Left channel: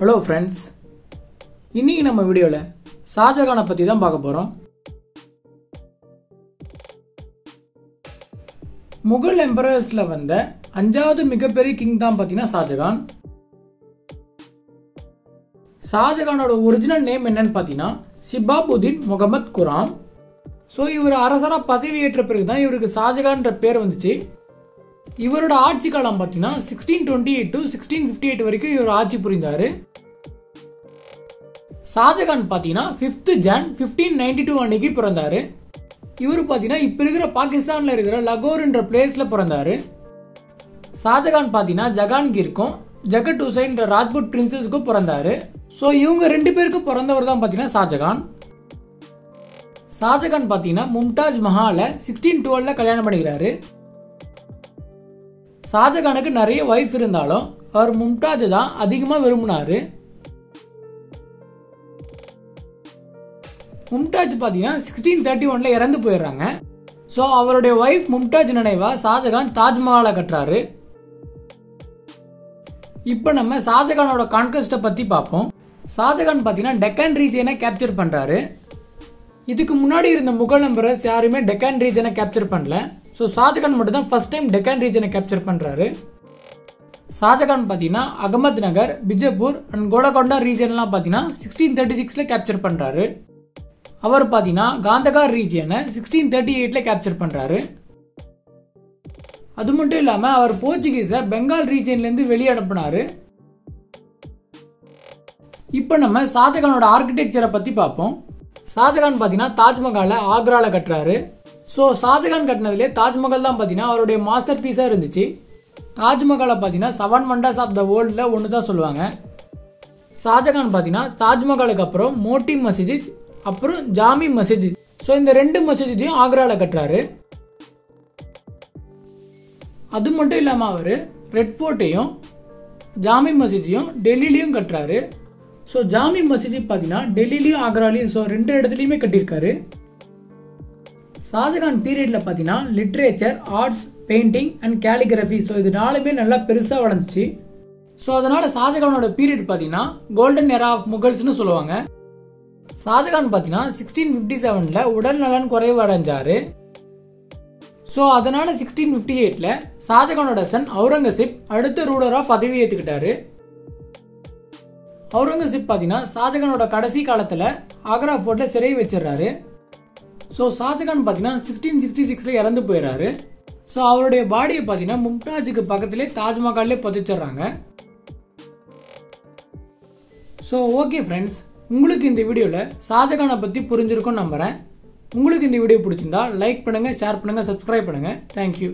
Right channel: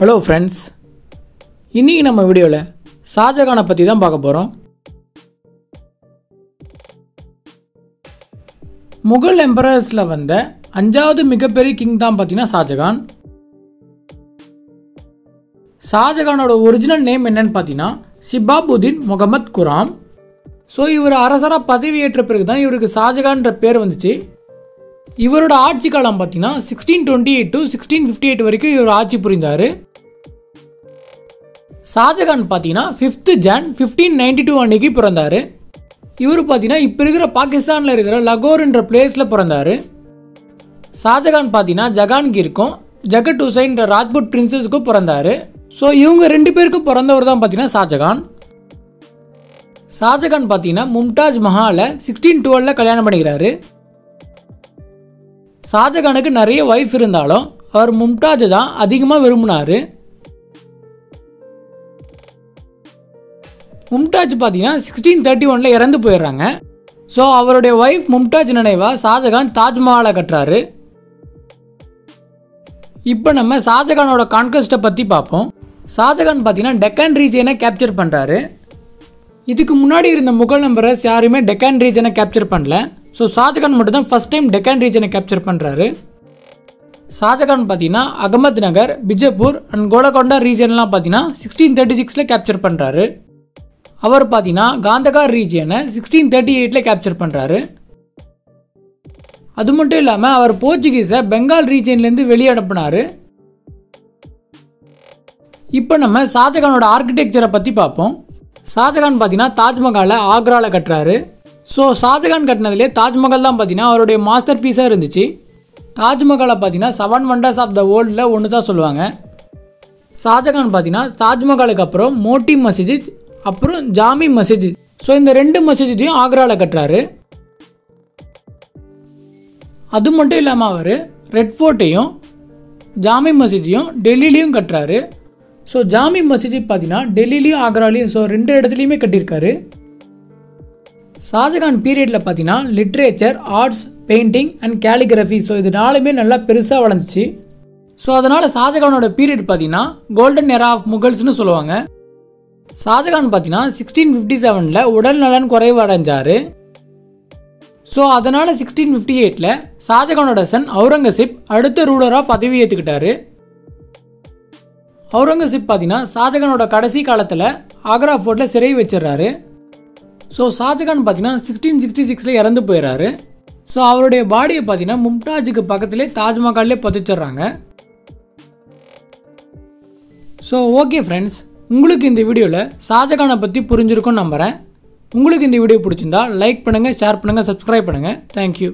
Hello friends, இன்றைக்கி நம்ம வீடியோவில் ஷாஜகானை பற்றி தான் பார்க்க போகிறோம். முகல் எம்பரர்ஸில் வந்த 5வது மிகப்பெரிய கிங் தான் பார்த்தீங்கன்னா ஷாஜகான். ஷாஜகானோட ஒரிஜினல் நேம் என்னன்னு பார்த்தீங்கன்னா ஷிபாபுதீன் முகமது குராம். ஸோ இவர் அரசராக பதவியேற்ற பிறகு தான் இவருக்கு ஷாஜகான்ற பேர் வந்துச்சு. இவரோட ஆட்சி காலம் பார்த்தீங்கன்னா 1628 to 1658 வரைக்கும் இவர் ஆட்சி புரிந்தார். ஷாஜகான் பார்த்தீங்கன்னா 5th Jan 1592 அன்னைக்கு பிறந்தார். இவர் பார்த்தீங்கன்னா இப்போ இருக்கிற பாகிஸ்தானில் இருக்கிற லகோர்ன்ற பிளேஸில் பிறந்தார். ஷாஜகான் பார்த்தீங்கன்னா ஜஹாங்கீருக்கும் ஜகத் ஹுசைன்ற ராஜ்புட் பிரின்சஸுக்கும் பிறந்தார். ஸோ இவங்க 2 பேருக்கும் பிறந்தவர் தான் பார்த்தீங்கன்னா ஷாஜகான். ஷாஜகான் பார்த்தீங்கன்னா மும்தாஜ் மஹாலை 1612 கல்யாணம் பண்ணிக்கிறாரு. ஷாஜகானுக்கு நிறைய ஒய்ஃப் இருந்தாலும் அவர் மும்தாஜை தான் அதிகமாக விரும்பினார். மும்தாஜ் பார்த்தீங்கன்னா 1631 இறந்து போயிடுறாங்க. ஸோ அவருடைய ஒய்ஃப் மும்தாஜ் நினைவாக ஷாஜகான் தாஜ்மஹாலை கட்டுறாரு. இப்போ நம்ம ஷாஜகானோட கான்கஸ்ட்டை பற்றி பார்ப்போம். ஷாஜகான் பார்த்தீங்கன்னா டெக்கான் ரீஜியனை கேப்சர் பண்ணுறாரு. இதுக்கு முன்னாடி இருந்த முகல் எம்பரர்ஸ் யாருமே டெக்கான் ரீஜனை கேப்சர் பண்ணல. ஸோ ஷாஜகான் மட்டும் தான் ஃபர்ஸ்ட் டைம் டெக்கான் ரீஜனை கேப்சர் பண்ணுறாரு. ஷாஜகான் பார்த்தீங்கன்னா அகமது நகர், பிஜப்பூர் அண்ட் கோலகொண்டா ரீஜன்லாம் பார்த்தீங்கன்னா 1636 கேப்சர் பண்ணுறாரு. அவர் பார்த்தீங்கன்னா காந்தகார் ரீஜியனை 1638 கேப்சர் பண்ணுறாரு. அது மட்டும் இல்லாமல் அவர் போர்ச்சுகீஸை பெங்கால் ரீஜன்லேருந்து வெளியே அனுப்பினார். இப்போ நம்ம ஷாஜகானோட ஆர்கிடெக்சரை பற்றி பார்ப்போம். ஷாஜகான் பார்த்தீங்கன்னா தாஜ்மஹாலை ஆக்ராவில் கட்டுறாரு. ஸோ ஷாஜகான் கட்டினதுலேயே தாஜ்மஹால் தான் பார்த்தீங்கன்னா அவருடைய மாஸ்டர் பீஸாக இருந்துச்சு. தாஜ்மஹாலை பார்த்தீங்கன்னா 7 wonders ஆஃப் த வேர்ல்டில் ஒன்று தான் சொல்லுவாங்க. ஷாஜகான் பார்த்தீங்கன்னா தாஜ்மஹாலுக்கு அப்புறம் மோட்டி மஸ்ஜித் அப்புறம் ஜாமி மஸ்ஜித், ஸோ இந்த 2 மஸ்ஜிதையும் ஆக்ராவில் கட்டுறாரு. அது மட்டும் இல்லாமல் அவர் ரெட் ஃபோர்ட்டையும் ஜாமி மஸ்ஜிதையும் டெல்லியிலையும் கட்டுறாரு. ஸோ ஜாமி மஸ்ஜித் பார்த்தீங்கன்னா டெல்லியிலையும் ஆக்ராலையும், ஸோ 2 இடத்துலையுமே கட்டியிருக்காரு. ஷாஜகான் பீரியடில் பார்த்தீங்கன்னா literature, arts, painting and calligraphy, so இது 4மே நல்லா பெருசாக வளர்ந்துச்சு. ஸோ அதனால் ஷாஜகானோட பீரியட் பார்த்தீங்கன்னா கோல்டன் எரா ஆஃப் முகல்ஸ்னு சொல்லுவாங்க. ஷாஜகான் பார்த்தீங்கன்னா 1657 உடல் நலன் குறைவு அடைஞ்சார். ஸோ அதனால் 1658 ஷாஜகானோட சன் அவுரங்கசீப் அடுத்த ரூலராக பதவி ஏற்றுக்கிட்டாரு. அவுரங்கசீப் பார்த்தீங்கன்னா ஷாஜகானோட கடைசி காலத்தில் ஆக்ரா ஃபோர்ட்டில் சிறை வச்சிடறாரு. ஸோ ஷாஜகான் பார்த்தீங்கன்னா 1666 இறந்து போயிடறாரு. ஸோ அவருடைய பாடியை பார்த்தீங்கன்னா மும்தாஜுக்கு பக்கத்திலே தாஜ்மஹால்லே புதைச்சிடுறாங்க. ஸோ ஓகே ஃப்ரெண்ட்ஸ், உங்களுக்கு இந்த வீடியோவில் ஷாஜகானை பற்றி புரிஞ்சிருக்கும்னு நம்புகிறேன். உங்களுக்கு இந்த வீடியோ பிடிச்சிருந்தா லைக் பண்ணுங்கள், ஷேர் பண்ணுங்கள், சப்ஸ்கிரைப் பண்ணுங்கள். தேங்க்யூ.